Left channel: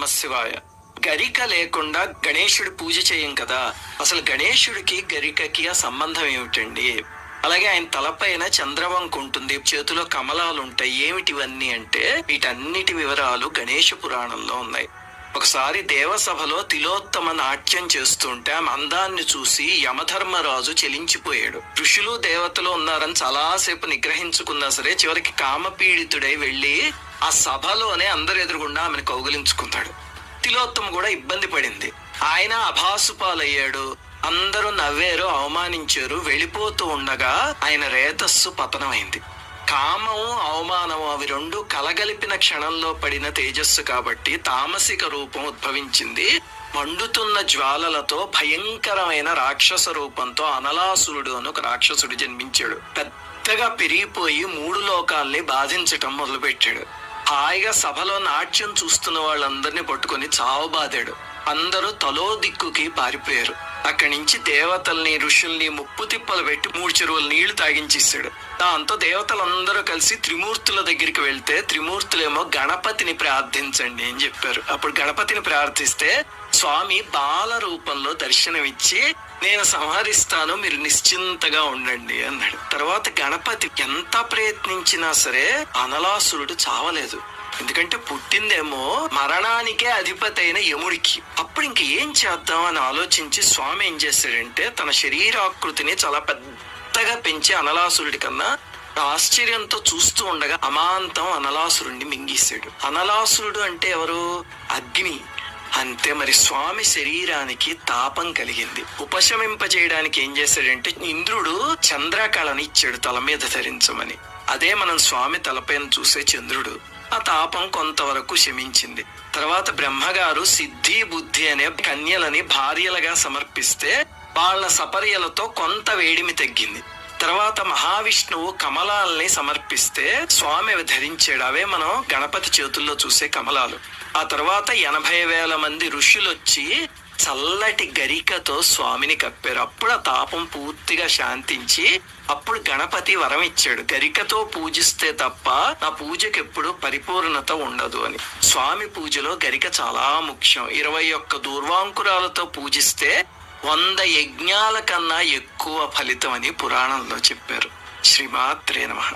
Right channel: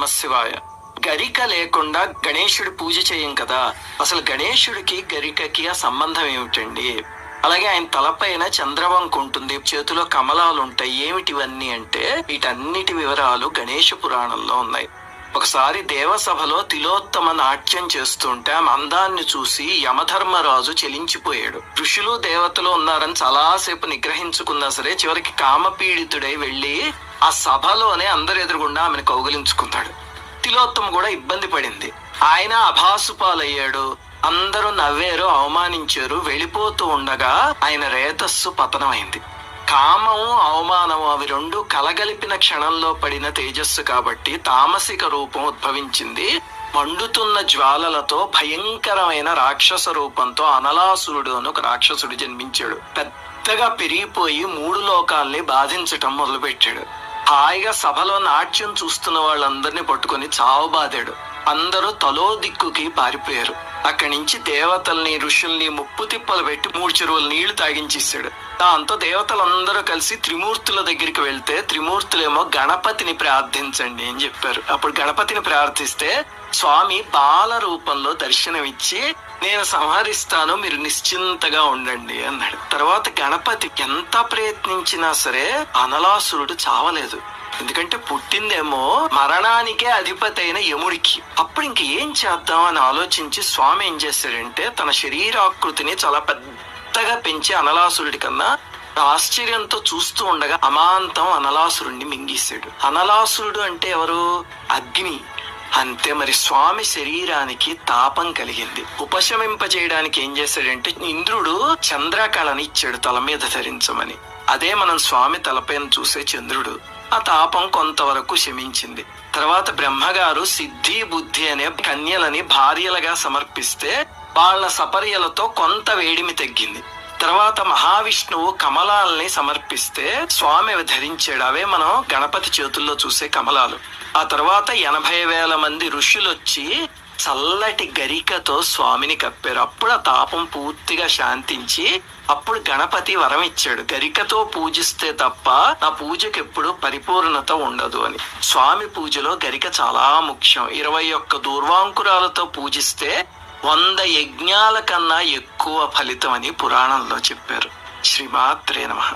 నమఃశివాయ. గరిక లేకుండా గణేశుడి పూజ చేయం కదా. అసలు గణేశుడికి గరికకి ఆ సంబంధం ఏమిటండి? అలాగే ఆయన తలపైన చంద్రవంక ఉంటుంది, చేతిలో కమలాలు ఉంటాయి. ఏమిటివన్నీ అంటే వీటన్నిటి వివరాలు గణేశ పురాణంలో ఉన్నాయి. ఒకసారి దేవసభలో తిలోత్తమ నాట్యం చేస్తుంటే ఆ అందాన్ని చూసి యమధర్మరాజు చెలించిపోయాడు. ఋషులు దేవతలు ఉన్నారని చాలాసేపు నిగ్రహించుకున్నా సరే చివరికి కామపీడితుడై వెళ్లి ఆ సభలోనే అందరు ఎదురుగుండా ఆమెను కౌగిలించుకున్నాడు. తిలోత్తమ కూడా ఇబ్బంది పడింది. ఆయన అభాసుపాలయ్యాడు. అందరూ నవ్వారు, అవమానించారు. వెళ్ళిపోతూ ఉండగా ఆయన రేతస్సు పతనమైంది. కామము అవమానము అవి రెండు కలగలిపిన క్షణంలో పడిన తేజస్సు కాబట్టి తామసిక రూపం ఉద్భవించింది. మండుతున్న జ్వాలలతో భయంకరమైన రాక్షస రూపంతో అనలాసురుడు అని ఒక రాక్షసుడు జన్మించాడు. పెద్దగా పెరిగిపోయి 3 లోకాల్ని బాధించటం మొదలుపెట్టాడు. హాయిగా సభలో నాట్యం చూస్తున్న వాళ్ళందరినీ పట్టుకుని చావబాదాడు. అందరూ తలో దిక్కుకి పారిపోయారు. అక్కడి నుంచి దేవతల్ని ఋషుల్ని ముప్పు తిప్పలు పెట్టి 3 చెరువుల నీళ్లు తాగించేశాడు. దాంతో దేవతలందరూ కలిసి త్రిమూర్తుల దగ్గరికి వెళ్తే త్రిమూర్తులేమో గణపతిని ప్రార్థించండి అని చెప్పారు. అప్పుడు గణపతిని ప్రార్థిస్తే స్వామి బాల రూపంలో దర్శనమిచ్చి నేను సంహరిస్తాను, మీరు నిశ్చింతగా ఉండండి అన్నాడు. తర్వాత గణపతి ఎంత ప్రయత్నించినా సరే అనలాసురుడు చావలేదు. ఎందుకంటే పుట్టిందేమో మరణానికే అధిపతి అయిన యముడికి. అప్పుడు ఇంక ఏం చేద్దాం అని ఆలోచించి స్వామి ఏం చేశాడంటే తన శరీరాకృతిని చాలా పెద్దగా పెంచి అనలాసురుడి కన్నా ఆశ్చర్యంతో చూస్తూ ఉండగా అమాంతం అనలాసురుడిని మింగేశాడు. అనలాసురుడు అంటే ఎవరు? అగ్ని. అంతే. మరి స్వామి శరీరానికి తాపం కలిగింది. ఉపశమింపజేయడానికి ఏం చేశాడంటే ఇంద్రుడు చంద్రకళని ఇచ్చాడు తల మీద ధరించమని. అదే మనం స్వామి తలపైన చూసే చంద్రుడు. ఆ తాపం కొంతవరకు శమించింది. తర్వాత బ్రహ్మగారు సిద్ధి బుద్ధి అనే కన్యలని భార్యలుగా సమర్పిస్తే వాళ్ళ సపర్యలతో కొంత వేడిమి తగ్గింది. తర్వాత మహావిష్ణువు కమలాల్ని సమర్పిస్తే స్వామి అవి ధరించాడు. అవే మనం గణపతి చేతుల్లో చూసే కమలాలు. ఆ తర్వాత 80,000 మంది ఋషులొచ్చి చల్లటి గరికతో స్వామిని కప్పారు. అప్పుడు ఆ తాపం పూర్తిగా శాంతించి అప్పుడు గణపతి వరం ఇచ్చాడు, గరికతో పూజిస్తే తప్ప నా పూజకి ఎప్పుడు పరిపూర్ణత ఉండదు అని. స్వామి పూజలో గరిక చాలా ముఖ్యం. 21 దూర్వాంకురాలతో పూజిస్తే 100 యజ్ఞాల కన్నా ఎక్కువ ఫలితం అని పురాణంలో చెప్పారు. శ్రీమాత్రే నమః.